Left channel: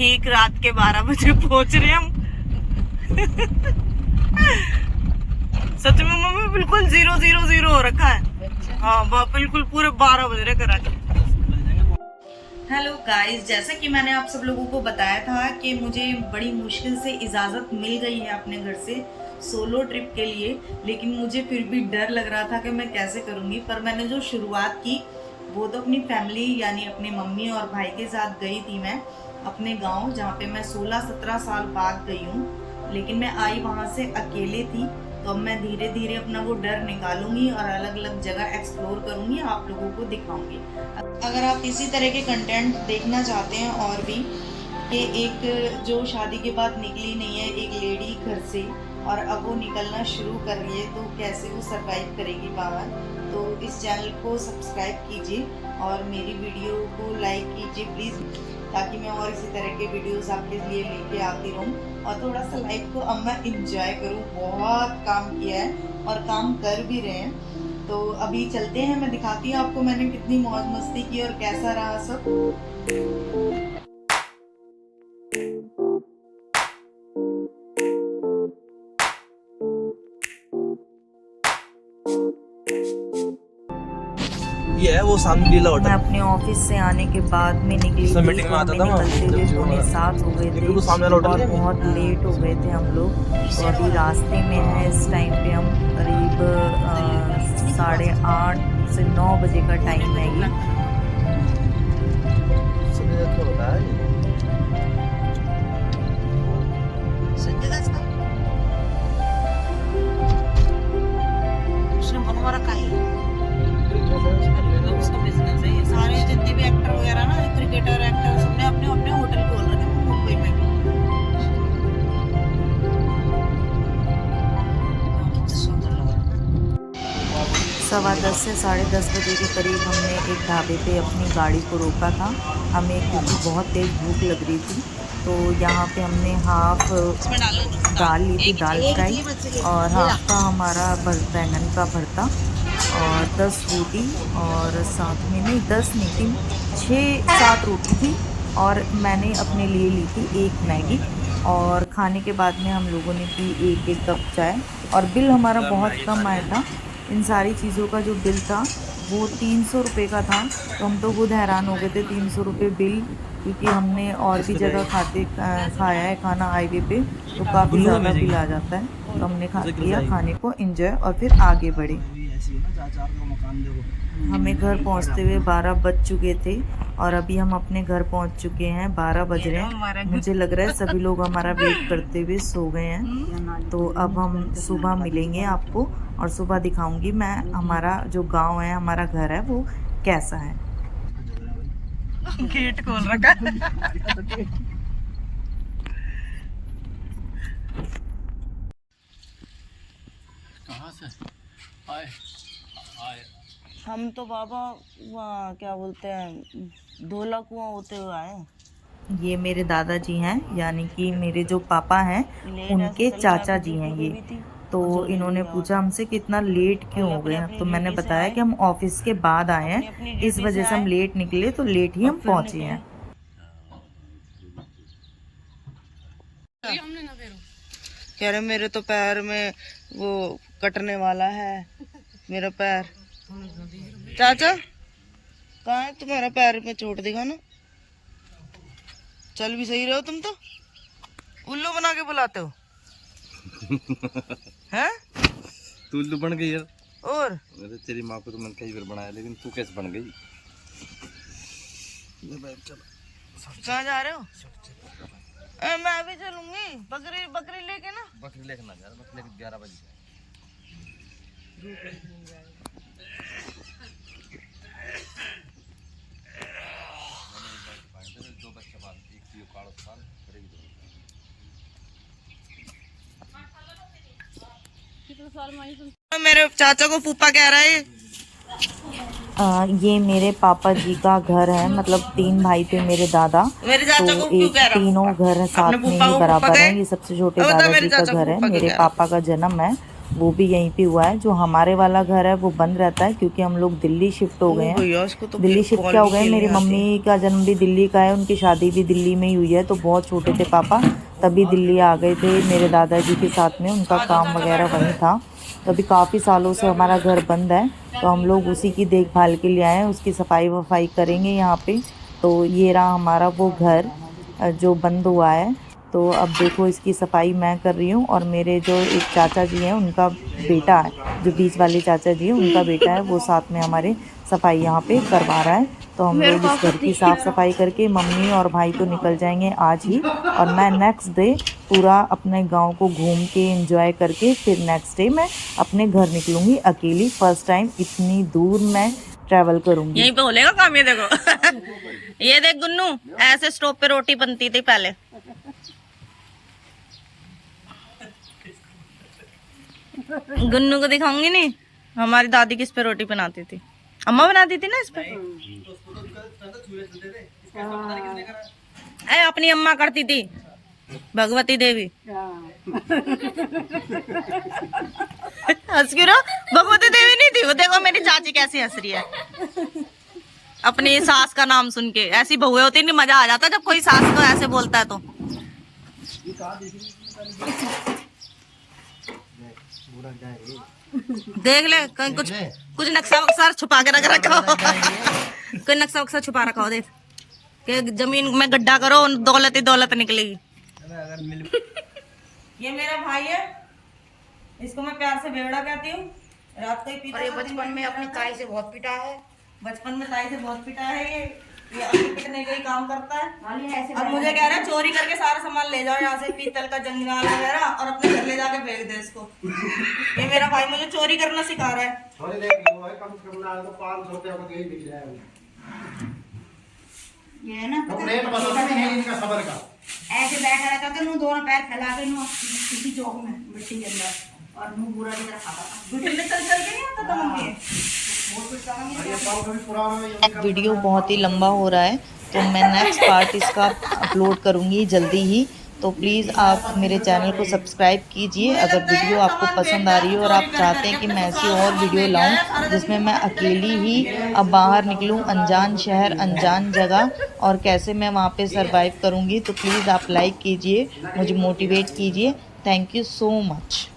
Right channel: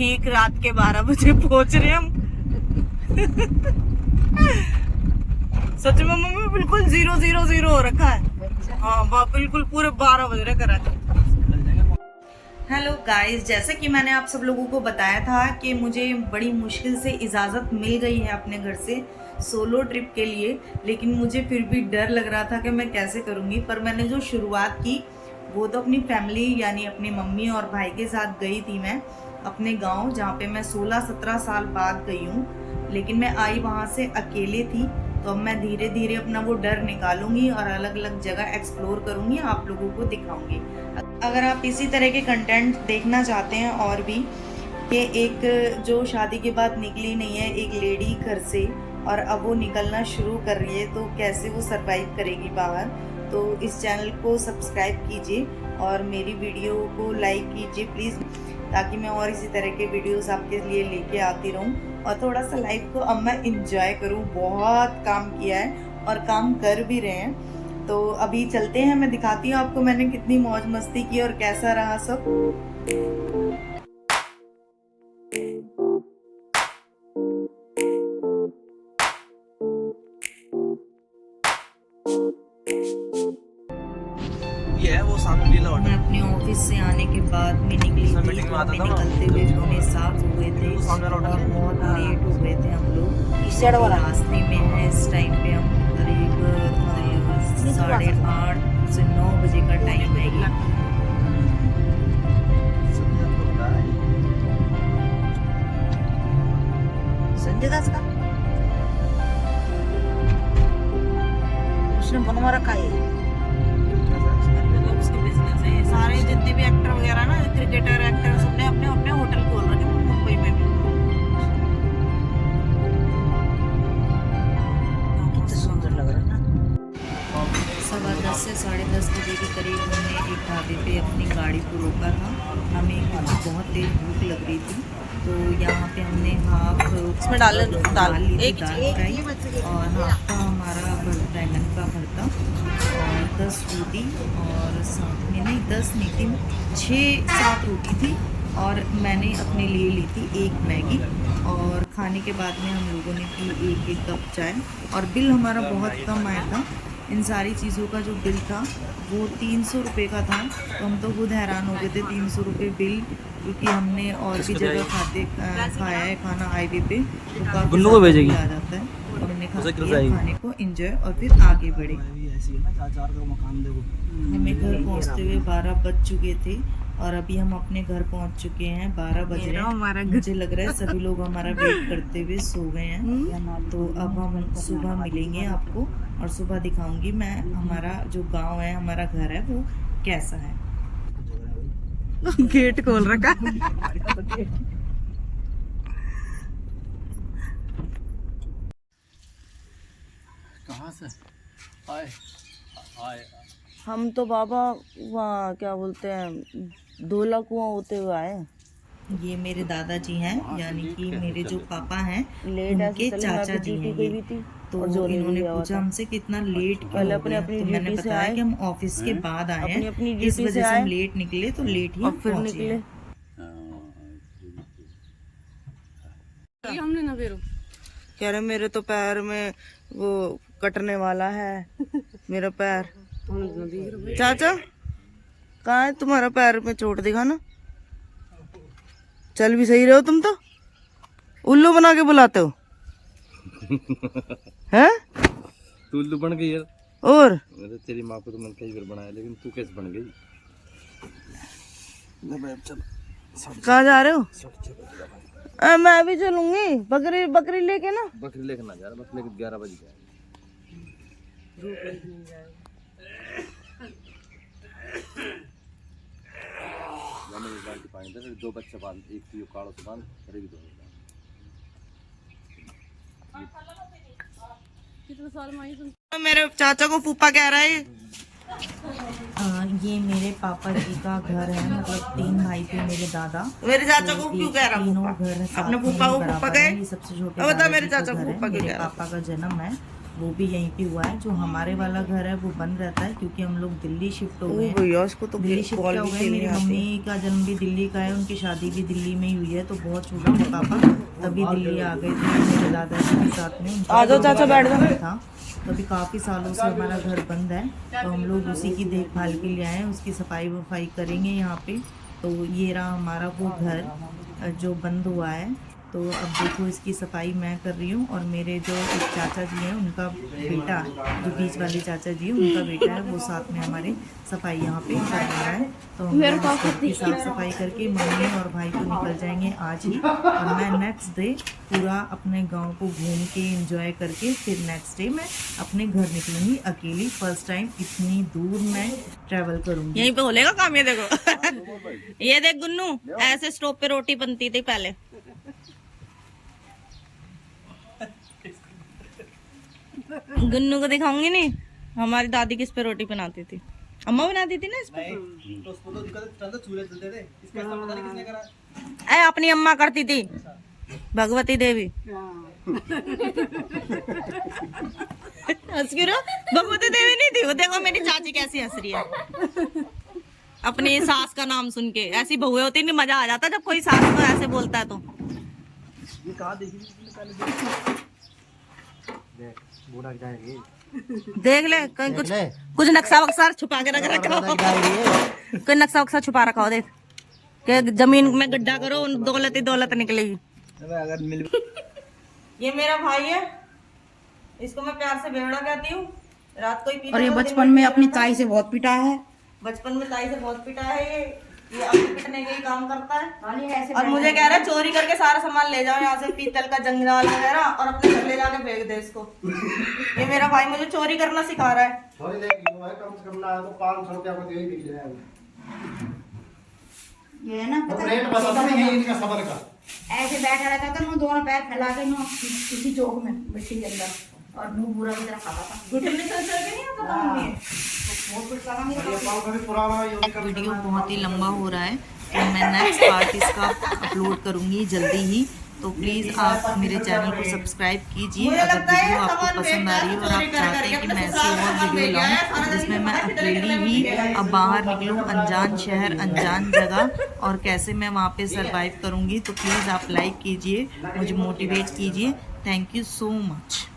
ठीक रात के 12 बजे पहुंच रहे हम। सच में मम्मी बिल्कुल 000 हो रखा है। हाँ बिल्कुल पूरे 12 बज रहे कराची। हेलो गाइस, जैसा कि मैंने आप सब लोगों को बताया था कि मुझे बड़ी मुश्किल से इजाज़त मिल गई है अपने घर से सोलो ट्रिप के लिए, लेकिन मुझे फिर भी डर लग रहा था कि मैं कैसे करूँगी। पर मैंने जो शुरुआत की वो तो अपनी फैमिली यानी अपनी मम्मी और भाई के साथ गई थी मैं अपने गांव, जहाँ पे मैं 16-17 साल बाद गई हूँ। लेकिन मैं आई वहाँ से अकेले थी, तो अब मैं धीरे धीरे अपना वो डर निकालूंगी और अलग अलग जगह एक्सप्लोर करूँगी, आप लोगों को दिखाऊंगी। अगर आप इसी तरह के कंटेंट देखना चाहते हैं और भी कि एक जो शादी के बाद निकली नहीं है एक लेडी घर से और अब वो निकलना शुरू कर रही है, तो कैसे वो सरवाइव करेगी बाहर, तो इस चैनल को सब्सक्राइब कीजिए और मेरी वीडियो को लाइक कीजिए प्लीज़, ताकि मैं और इसी तरह के वीडियोस आपके लिए लेके आती रहूं और थोड़ा सा लाइफ को अब मैं इंजॉय करूं। बहुत काम किया है और काम कर भी रहे हैं, तो अभी चलते हैं, मैं दिखाती हूँ आपको मैंने कितनी मौज मस्ती की और कैसा रहा सब। ये है वो सामने लीला होटल। मैं अपने ऑफिस से आने के बाद में निकली थी, तो हमें निकलते हुए 6:45 हो गए थे और बहुत लेट हो गए थे हम लोग। तो अभी रास्ते में है, इस टाइम पे हम करीब 8:30 से 9 बजे का टाइम है ये। सारे जितने भी एक्टर वगैरह ना, क्रिकेटर एक्टर, सबने अपने अपने होटल खोल रखे हैं मुंबई में भी। 10:15 से 10:30 बजे के करीब हमने एक ढाबे पे अपनी गाड़ी को रोका था, हमें क्योंकि बहुत तेज भूख लग रही थी। तो यहाँ पे हमने हाफ दाल ली थी, दाल फ्राई, और हाफ का हमारा बैंगन का भरता और 10 रोटी, और साथ में नहीं 10 नहीं थी 6-7 रोटी थी, और मैंने अपने लिए ली थी एक मैगी। और खाने के बाद में हम लोगों ने पी एक कप चाय, और बिल हमारा बहुत कम आया था। इन सारी चीज़ों का जो बिल था वो 300 रुपये का था, तो हम तो खुद हैरान हो गए थे 300 रुपये बिल, क्योंकि हमने और भी जगह खाया है खाना हाईवे पे, तो काफ़ी ज़्यादा बिल आ जाता है। तो हमने लिया खाने को एंजॉय और फिर आगे बढ़े। हमें घर पहुंचते हुए 12 बज चुके थे और अभी हम अपने घर पहुंच चुके हैं, 12 बज रहे हैं। मुझे लग रहा है सभी लोग हमारा वेट करते हुए सो गए हैं। तो अब हम सुबह मिलेंगे आपको और सुबह दिखाऊंगी मैं हमारा जो गांव है, हमारा घर है, वो कैसा है। गेट खोल रखा। कहाँ से आए? हम तो बाबा वहाँ क्या बोलते हैं धोला कुआं होते हुए आए। ये मेरे दादाजी हैं, यानी कि मेरे जो पापा हैं उनके चाचा जी हैं ये। तो इन्होंने पूछा हमसे कि इतना लेट क्यों हो गए, तो मैंने बताया कि हम ऑफिस के बाद आए हैं, इस वजह से हम लेट निकले, तो लेट ही हम पहुंचे हैं। कह रहे मेरे तो पैर में वो कटने वाला है, मेरा पैर। चाचा कहाँ है तुम्हारा पैर में चोट, दिखा ना। चल भी सही रहे हो तुम, तो उल्लू बना के बुलाते हो। हैं तू उल्लू बन गई यार। और तेरी माँ को तो मैंने कई बार बनाया, लेकिन तू कैसे बन गई? कहाँ जा रहे हो? मैं भी चलूंगी, बकरी लेके ना। बकरी लेके ना जा, बकरी लेके 11 बजे जाए। दो बच्चे बांध, एक की काड़ो से बांध, करेगी दो। मेरे चाचा को फूफा कह रहा है। ये मेरे पापा जी का घर है, मतलब 3 भाई थे मेरे दादा, मेरे चाचा तो को क्यों कह रहा? तीनों घर साथ में ही बराबर है। ये सबसे छोटे दादाजी का घर है, मेरे पापा का जन्म है वो भी यहीं पे हुआ है। जो हमारे वाला घर है वो बंद रहता है क्योंकि हम लोग दिल्ली शिफ्ट हो गए हैं। दिल्ली शिफ्ट क्या हो गए, मेरी मम्मी का जन्म भी दिल्ली का है, उनकी शादी भी दिल्ली में ही हुई है। तो बहुत छोटे थे पापा तभी दिल्ली आ गए थे मेरे दादाजी के साथ में, उनका काम वगैरह वहीं था। तो अभी काफ़ी सालों से हमारा घर बंद है, तो हम लोग उसी की देखभाल के लिए आए हैं, उसकी सफाई वफाई करेंगे यहाँ पे। तो ये रहा हमारा वो घर जो बंद हुआ है। तो अब देखो इसकी सफाई मैं कर रही हूँ और मेरे जो एक चाचा जी हैं उनका बेटा है, जो बीच वाले चाचा जी हैं उनका बेटा है, वो साथ में हमारे सफाई यहाँ पे करवा रहा है। तो हम लोग इस घर की साफ़ सफाई करके मम्मी और भाई तो निकल जाएंगे आज ही, और मैं नेक्स्ट डे पूरा अपने गांव को घूम के एंजॉय करके फिर नेक्स्ट डे मैं अपने घर निकलूँगी अकेली। फर्स्ट टाइम इतनी दूर मैं ट्रैवल करूँगी। यहीं पे होलेगा काम, ये देखो ये देख गुन्नू, ऐसे स्टोव पे रोटी बनती थी पहले। गुन्नू को दिखाऊंगी नहीं, हमारी दादी किस पे रोटी बनाती थी, अम्मा बनाती थी ना इस पे। अरे अपनी अम्मा करती थी, भगवती देवी। हंस क्यों रहो, भगवती देवी नहीं थी वो। देखो मेरी चाची कैसी हंस रही है अपनी सास का नाम सुन के। ऐसी बहुएं होती, नहीं मजा आ जाता जब कोई सास को ऐसे बोलता है तो। देख ले कहीं कुछ नक्शा वक्शा छुपा के रख रखा हो, कोई नक्शा वक्शा छुपा रखा हो। देख कि जमीन में गड्ढा करो, दौलत ही दौलत निकलेगी। ये मेरा भाई है, इसको मैं प्यार से बेवड़ा कहती हूँ। रात को ही पीता और ये था, बचपन में अपनी ताई से बहुत पिटा है। बचपन में ताई से बहुत पिटा है। ये अपने पिटने का ही काम करता है और मुझे कह रहा है चोरी करके सारा सामान ले जाओ यहाँ से, पीतल का जंगल वगैरह, और अपने घर ले जाके फेंक दे इसको। ये मेरा भाई मुझे चोरी करना सिखा रहा है। ये है ना ऐसे बैठा रहता था, नो दोनों पैर फैला के नो किसी चौक में मिट्टी के अंदर, और मुंह बुरा की तरह खाता था। घुटने चल चल के नहीं आता था मम्मी। वीडियो बहुत ही लंबा हो रहा है, तो मैं नेक्स्ट पार्ट इसका अपलोड करूँगी जल्दी ही। तो प्लीज़ आप मेरे चैनल को सब्सक्राइब कीजिए अगर वीडियो आपको पसंद आ रही है और आप चाहते हैं कि मैं ऐसी और वीडियो लाऊं जिसमें मैं अकेली ही अब बाहर निकलूं, अनजान शहर, अनजान जगह, और कैसे मैं वहाँ पे सरवाइव करूँगी। तो प्लीज़ आप लाइक कीजिए, मुझे मोटिवेट कीजिए। Thank you so much.